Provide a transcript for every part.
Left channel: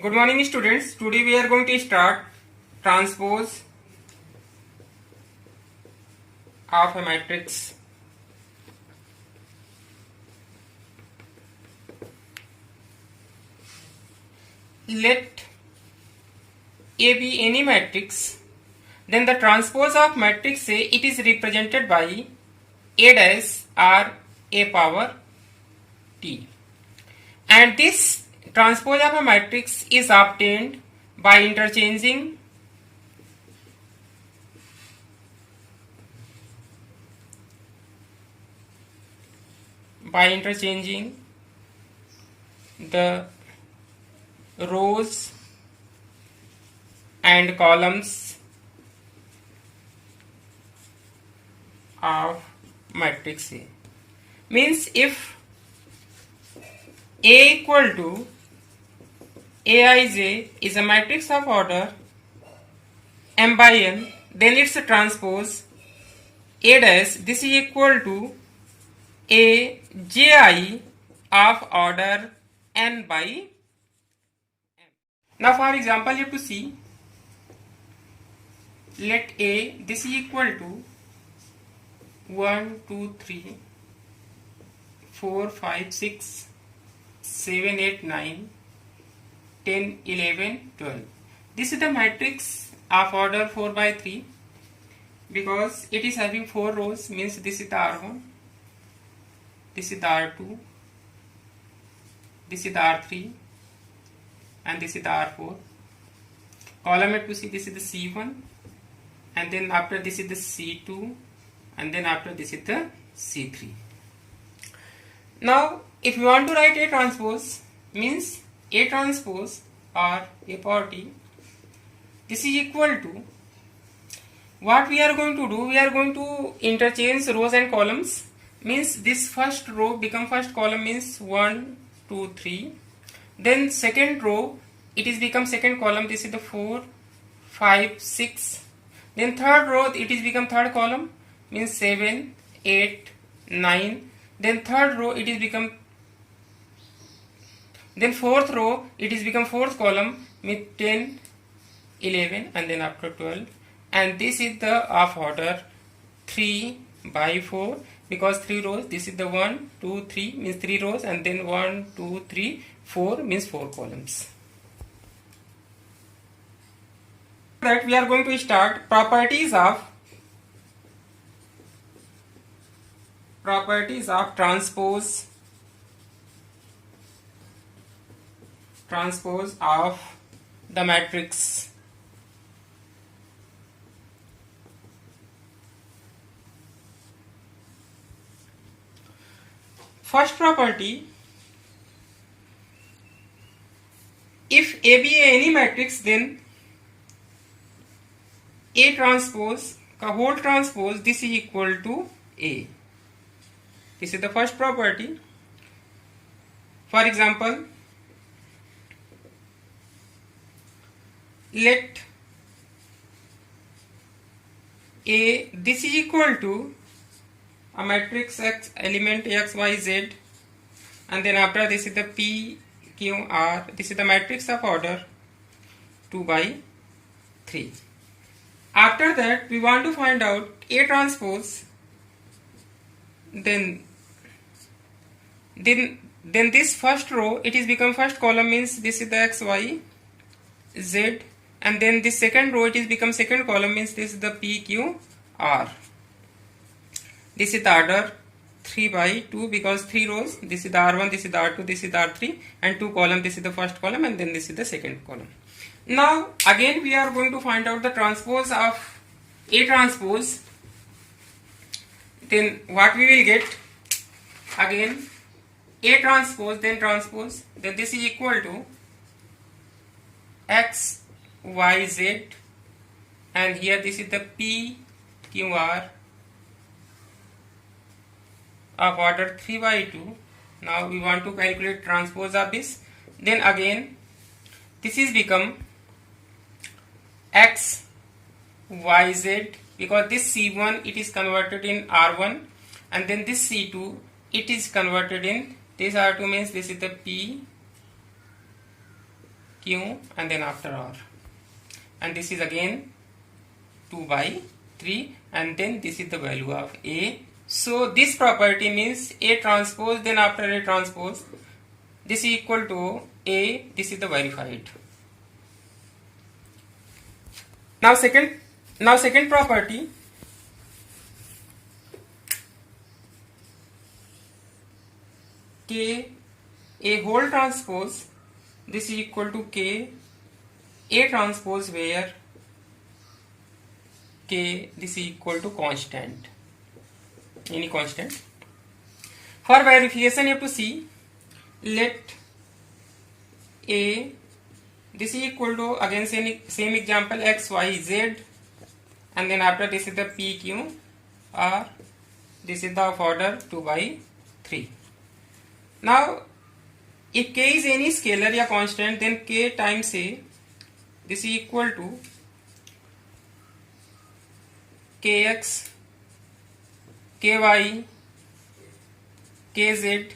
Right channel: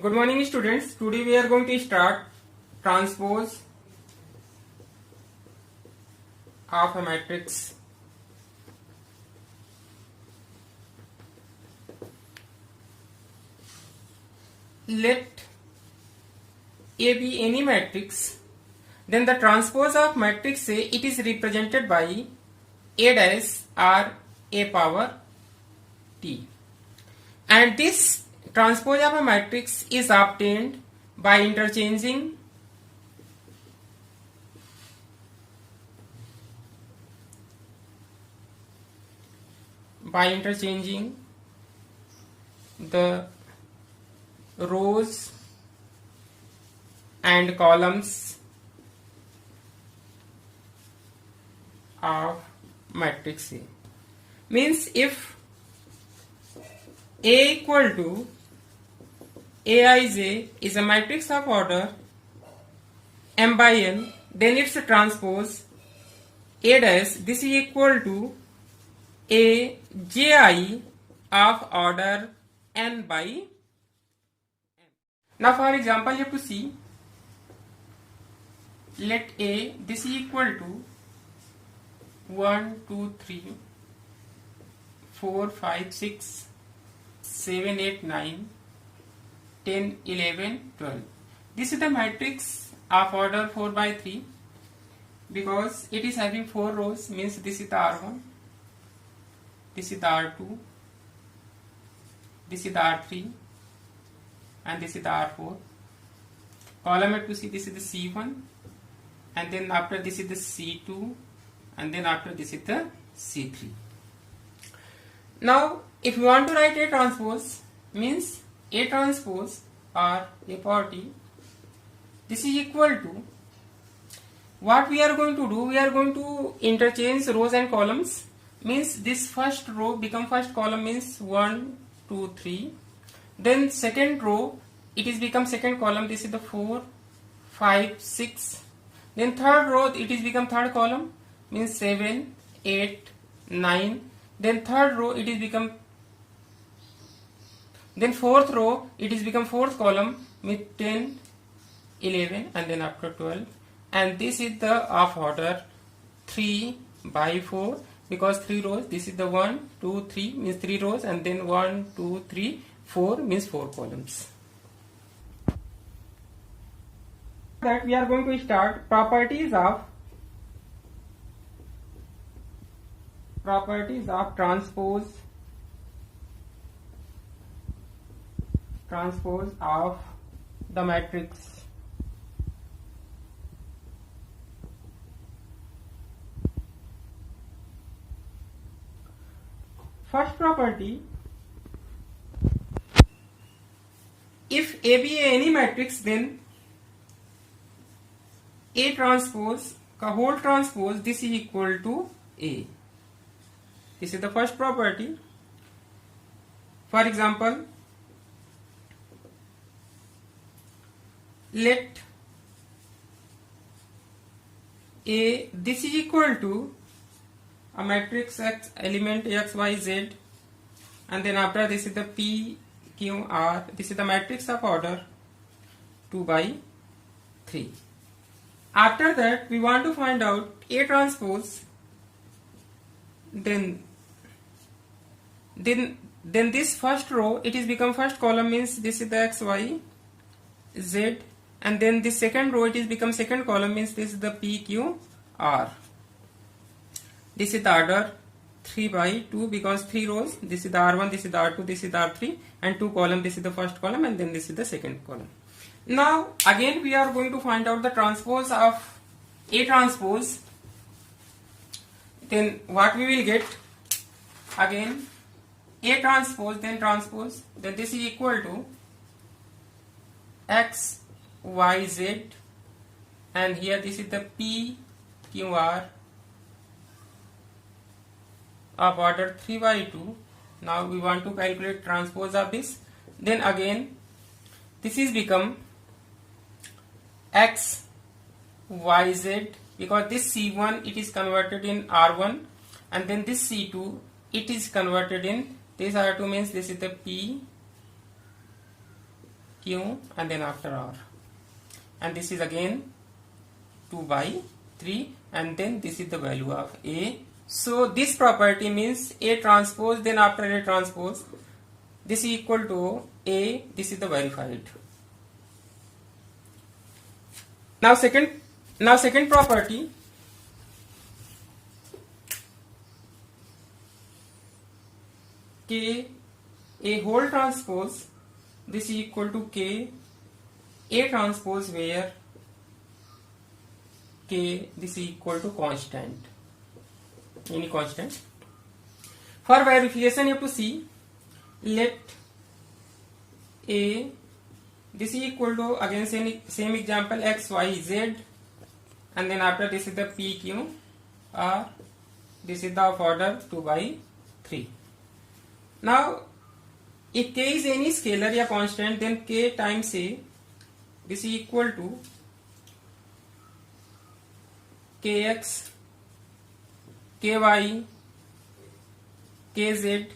Good morning students. Today we are going to start transpose of a matrix. Let A be any matrix, then the transpose of matrix A, it is represented by A dash or A power T. And this transpose of a matrix is obtained by interchanging the rows and columns of matrix A. Means if A equal to Aij is a matrix of order m by n, then its transpose A dash, this is equal to Aj of order n by n. Now for example, you have to see, let A, this is equal to 1, 2, 3, 4, 5, 6, 7, 8, 9, 10, 11, 12. This is the matrix of order 4 by 3 because it is having 4 rows, means this is the R1, this is the R2, this is the R3, and this is the R4. Column to see, this is the C1, and then after this is the C2, and then after this is the C3. Now if you want to write A transpose, means A transpose or A power T, this is equal to, what we are going to do, we are going to interchange rows and columns. Means this first row become first column, means 1, 2, 3. Then second row, it is become second column, this is the 4, 5, 6. Then third row, it is become third column, means 7, 8, 9. Then third row, it is become, then fourth row, it is become fourth column, means 10, 11, and then after 12. And this is the of order 3 by 4 because 3 rows. This is the 1, 2, 3 means 3 rows, and then 1, 2, 3, 4 means 4 columns. That we are going to start properties of transpose of the matrix. First property, if A be any matrix, then A transpose, whole transpose, this is equal to A. This is the first property. For example, let A, this is equal to a matrix X element X, Y, Z, and then after this is the P, Q, R. This is the matrix of order 2 by 3. After that, we want to find out A transpose. Then this first row, it is become first column, means this is the X, Y, Z, and then this second row, it is become second column, means this is the P, Q, R. This is the order 3 by 2 because 3 rows, this is the R1, this is the R2, this is the R3, and 2 column, this is the first column, and then this is the second column. Now again we are going to find out the transpose of A transpose. Then what we will get, again A transpose, then this is equal to X, Y, Z, and here this is the P, Q, R of order 3 by 2. Now we want to calculate transpose of this. Then again this is become X, Y, Z because this C1 it is converted in R1, and then this C2 it is converted in this R2, means this is the P, Q, and then after R. And this is again 2 by 3, and then this is the value of A. So this property means A transpose, then after A transpose, this is equal to A, this is the verified. Now second property, K A whole transpose, this is equal to K A transpose, where K this is equal to constant, any constant. For verification you have to see, let A this is equal to, again same example, X Y Z, and then after this is the P Q R, this is the of order 2 by 3. Now if K is any scalar या constant, then K times A this is equal to Kx, Ky, Kz,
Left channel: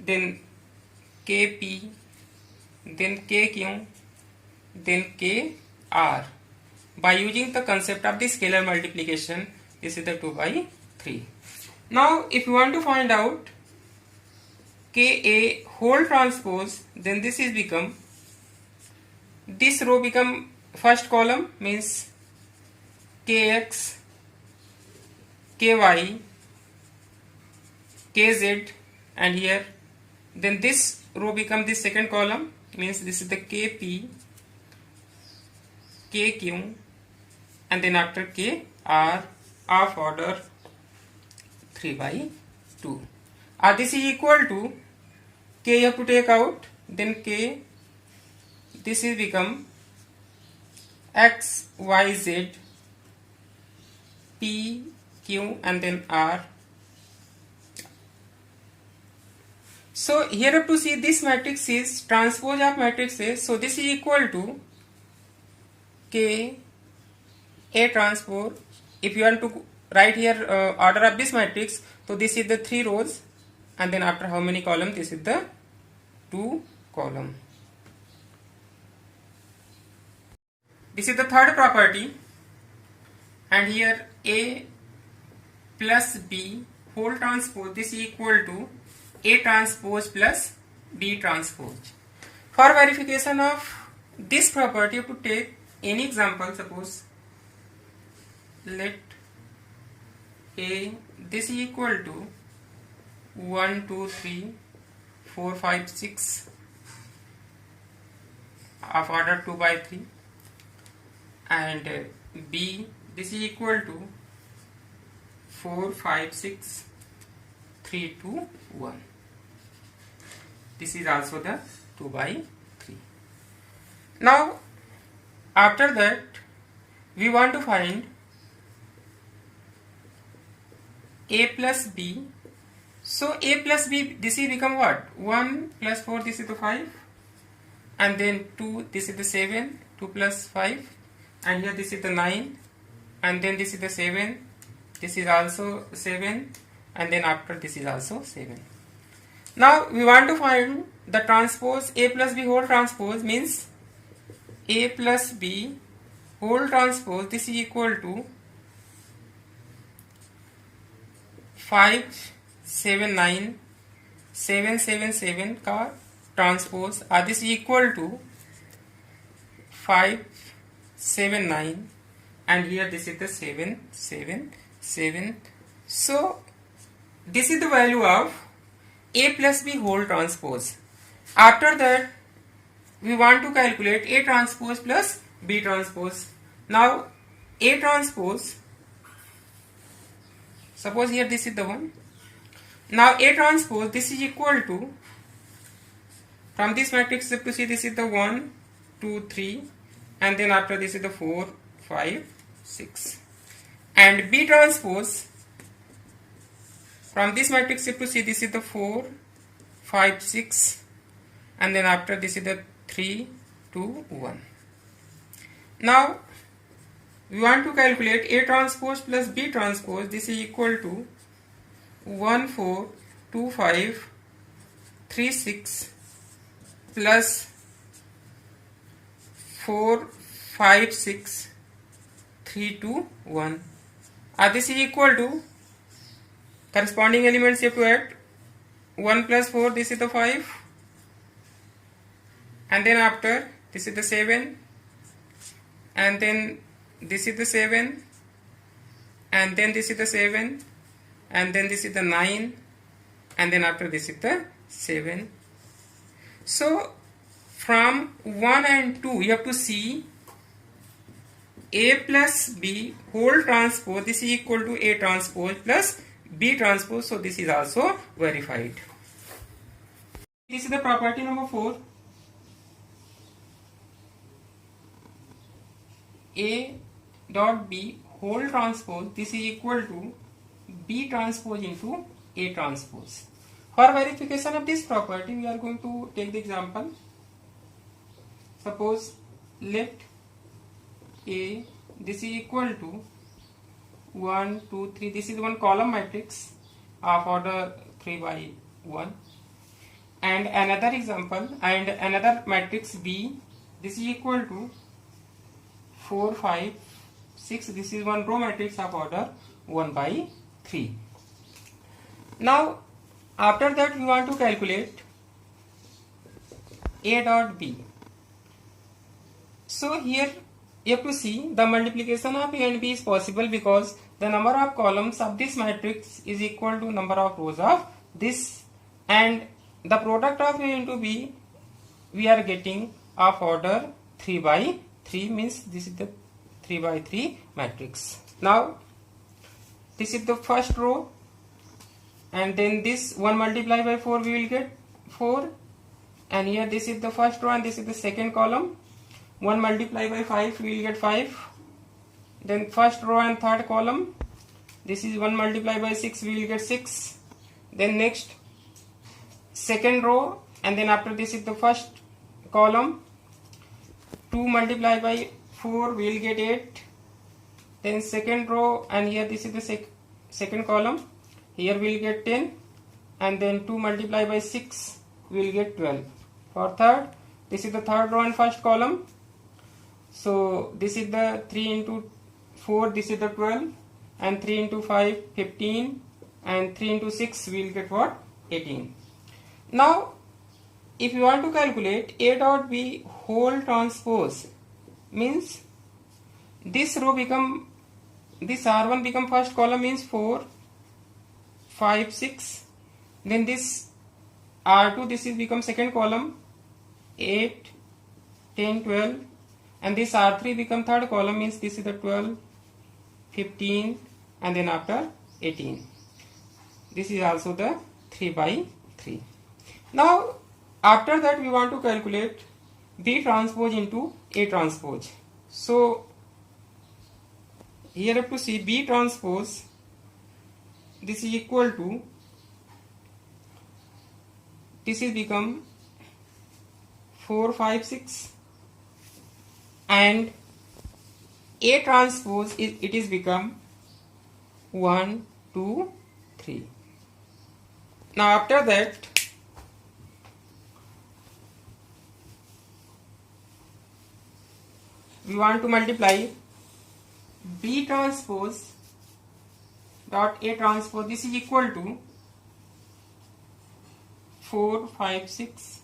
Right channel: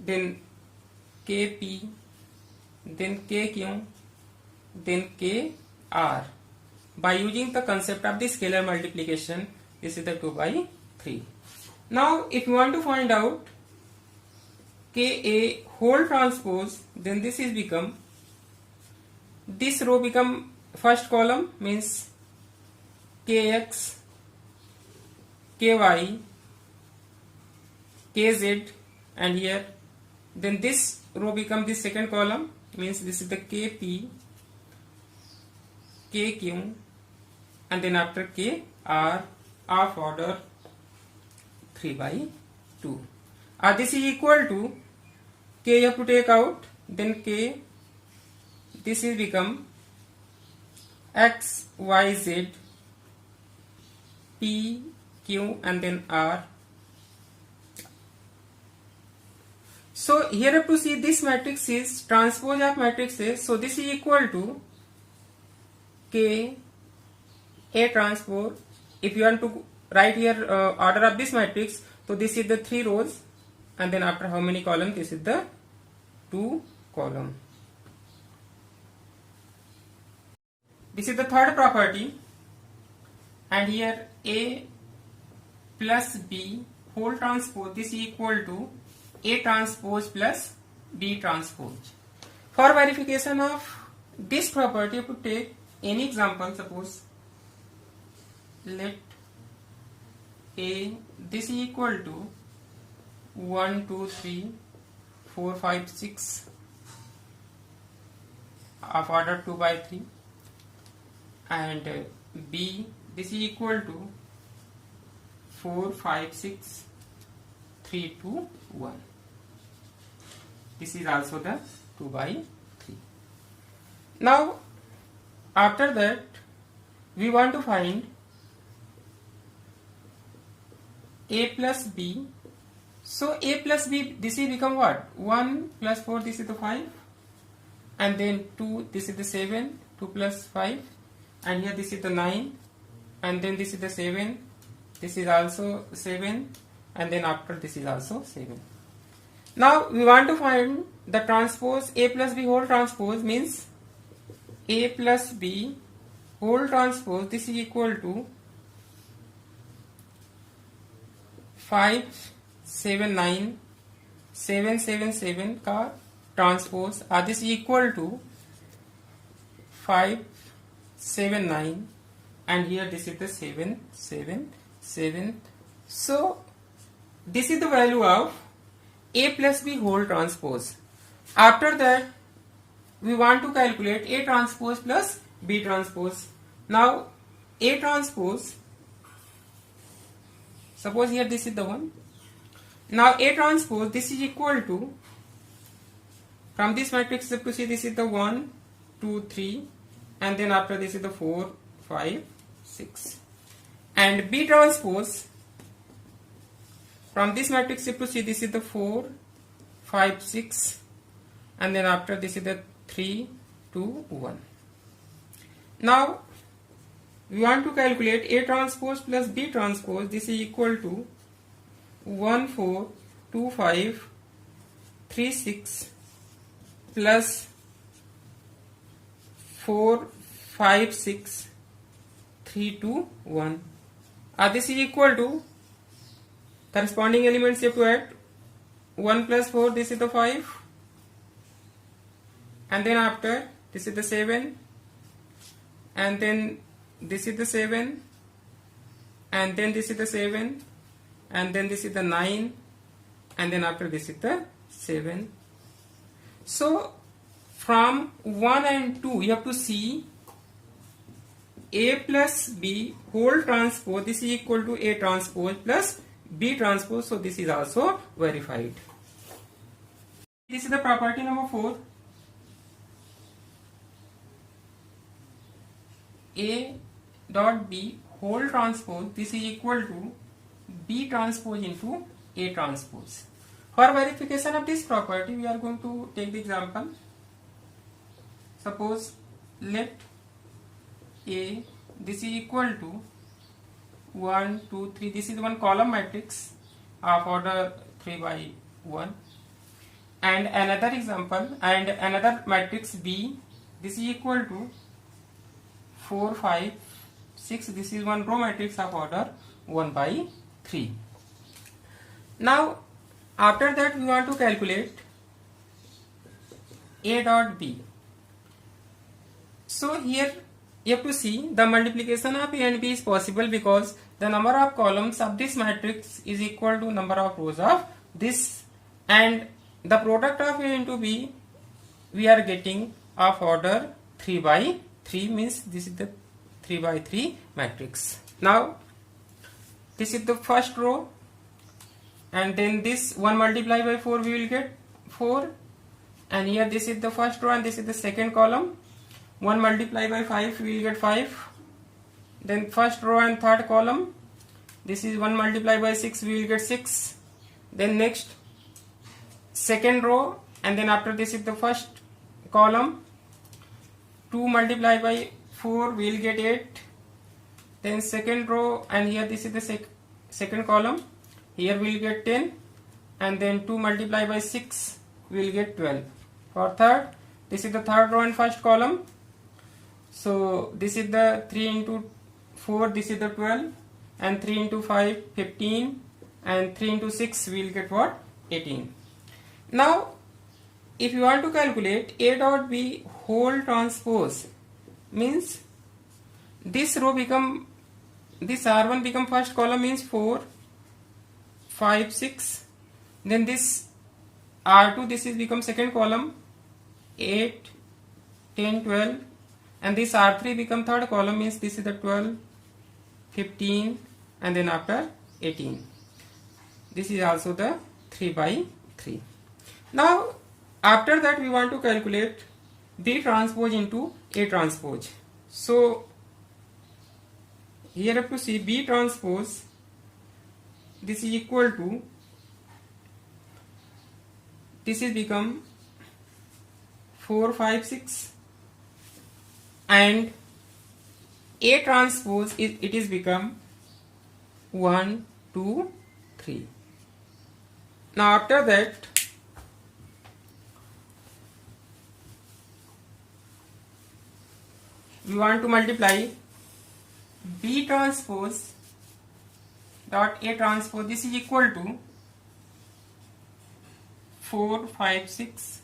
then Kp, then Kq, then Kr. By using the concept of the scalar multiplication, this is the 2 by 3. Now if you want to find out Ka whole transpose, then this is become, this row become first column, means Kx, Ky, Kz, and here, then this row become this second column, means this is the Kp, Kq, and then after Kr of order 3 by 2. This is equal to K, you have to take out, then K this is become X, Y, Z, P, Q, and then R. So here you have to see this matrix is transpose of matrix A, so this is equal to K A transpose. If you want to write here order of this matrix, so this is the 3 rows, and then after how many columns, this is the 2 column. This is the third property, and here A plus B whole transpose, this is equal to A transpose plus B transpose. For verification of this property, you have to take any example. Suppose let A this is equal to 1, 2, 3, 4, 5, 6 of order 2 by 3, and B this is equal to 4, 5, 6, 3, 2, 1. This is also the 2 by 3. Now after that we want to find A plus B. So A plus B, this is become what? 1 plus 4, this is the 5, and then 2, this is the 7, 2 plus 5, and here this is the 9, and then this is the 7, this is also 7, and then after this is also 7. Now we want to find the transpose A plus B whole transpose, means A plus B whole transpose, this is equal to 5, 7, 9, 7, 7, 7 का transpose, this is equal to 5, 7, 9, and here this is the 7, 7, 7. So this is the value of A plus B whole transpose. After that we want to calculate A transpose plus B transpose. Now A transpose, suppose here this is the one. Now A transpose, this is equal to, from this matrix you have to see, this is the 1, 2, 3, and then after this is the 4, 5, 6. And B transpose, from this matrix you have to see, this is the 4, 5, 6, and then after this is the 3, 2, 1. Now we want to calculate A transpose plus B transpose, this is equal to 1, 4, 2, 5, 3, 6 plus 4, 5, 6, 3, 2, 1. This is equal to corresponding elements you have to add. 1 plus 4, this is the 5, and then after this is the 7, and then this is the 7, and then this is the 7, and then this is the 9, and then after this is the 7. So from 1 and 2 you have to see A plus B whole transpose, this is equal to A transpose plus B transpose, so this is also verified. This is the property number 4. A dot B whole transpose, this is equal to B transpose into A transpose. For verification of this property, we are going to take the example. Suppose let A, this is equal to 1, 2, 3. This is one column matrix of order 3 by 1. And another example, and another matrix B, this is equal to 4, 5, 6. This is one row matrix of order 1 by 3. Now, after that we want to calculate A dot B. So here you have to see the multiplication of A and B is possible because the number of columns of this matrix is equal to number of rows of this, and the product of A into B we are getting of order 3 by 3, means this is the 3 by 3 matrix. Now this is the first row, and then this 1 multiplied by 4 we will get 4, and here this is the first row and this is the second column. 1 multiplied by 5 we will get 5. Then first row and third column, this is 1 multiplied by 6 we will get 6. Then next second row, and then after this is the first column, 2 multiplied by 4 we will get 8. Then second row, and here this is the second column, here we will get 10, and then 2 multiplied by 6 we will get 12. For third, this is the third row and first column, so this is the 3 into 4, this is the 12, and 3 into 5, 15, and 3 into 6 we will get what? 18. Now if you want to calculate A dot B whole transpose, means this row become, this R1 become first column, means 4, 5, 6. Then this R2, this is become second column, 8, 10, 12, and this R3 become third column, means this is the 12, 15, and then after 18. This is also the 3 by 3. Now after that we want to calculate B transpose into A transpose. So here you have to see B transpose, this is equal to, this is become 4, 5, 6, and A transpose it is become 1, 2, 3. Now after that we want to multiply B transpose dot A transpose, this is equal to 4, 5, 6.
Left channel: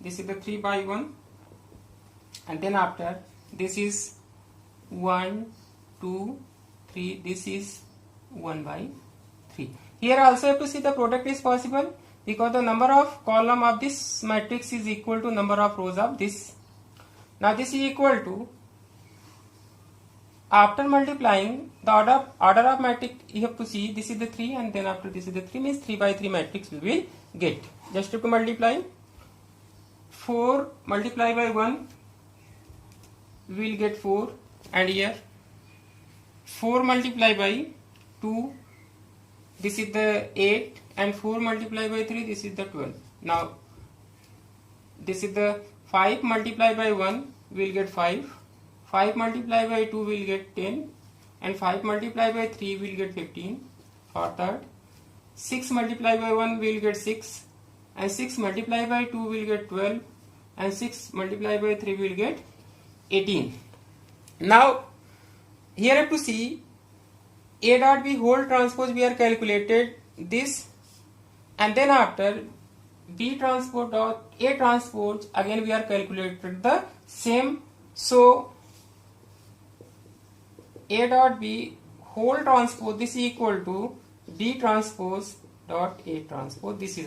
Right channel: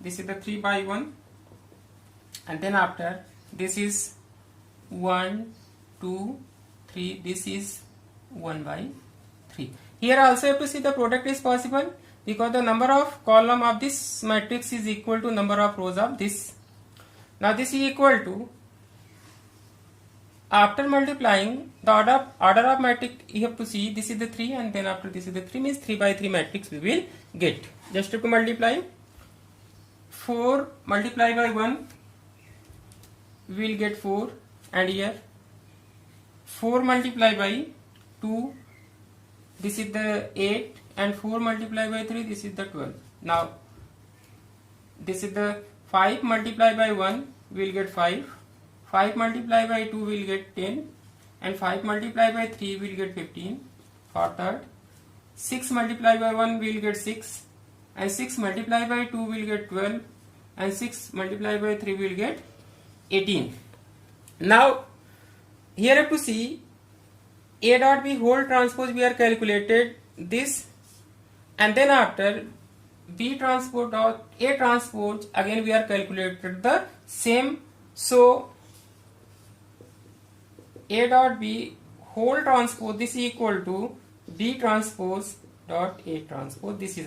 This is the 3 by 1, and then after this is 1, 2, 3. This is 1 by 3. Here also you have to see the product is possible because the number of column of this matrix is equal to number of rows of this. Now this is equal to, after multiplying the order of matrix you have to see, this is the 3 and then after this is the 3, means 3 by 3 matrix we will get. Just have to multiply. 4 multiplied by 1 we will get 4, and here 4 multiplied by 2, this is the 8, and 4 multiplied by 3, this is the 12. Now this is the 5 multiplied by 1 we will get 5, 5 multiplied by 2 we will get 10, and 5 multiplied by 3 we will get 15. For third, 6 multiplied by 1 we will get 6, and 6 multiplied by 2 we will get 12, and 6 multiplied by 3 we will get 18. Now here have to see A dot B whole transpose we are calculated this, and then after B transpose dot A transpose again we are calculated the same. So A dot B whole transpose this is equal to B transpose dot A transpose. This is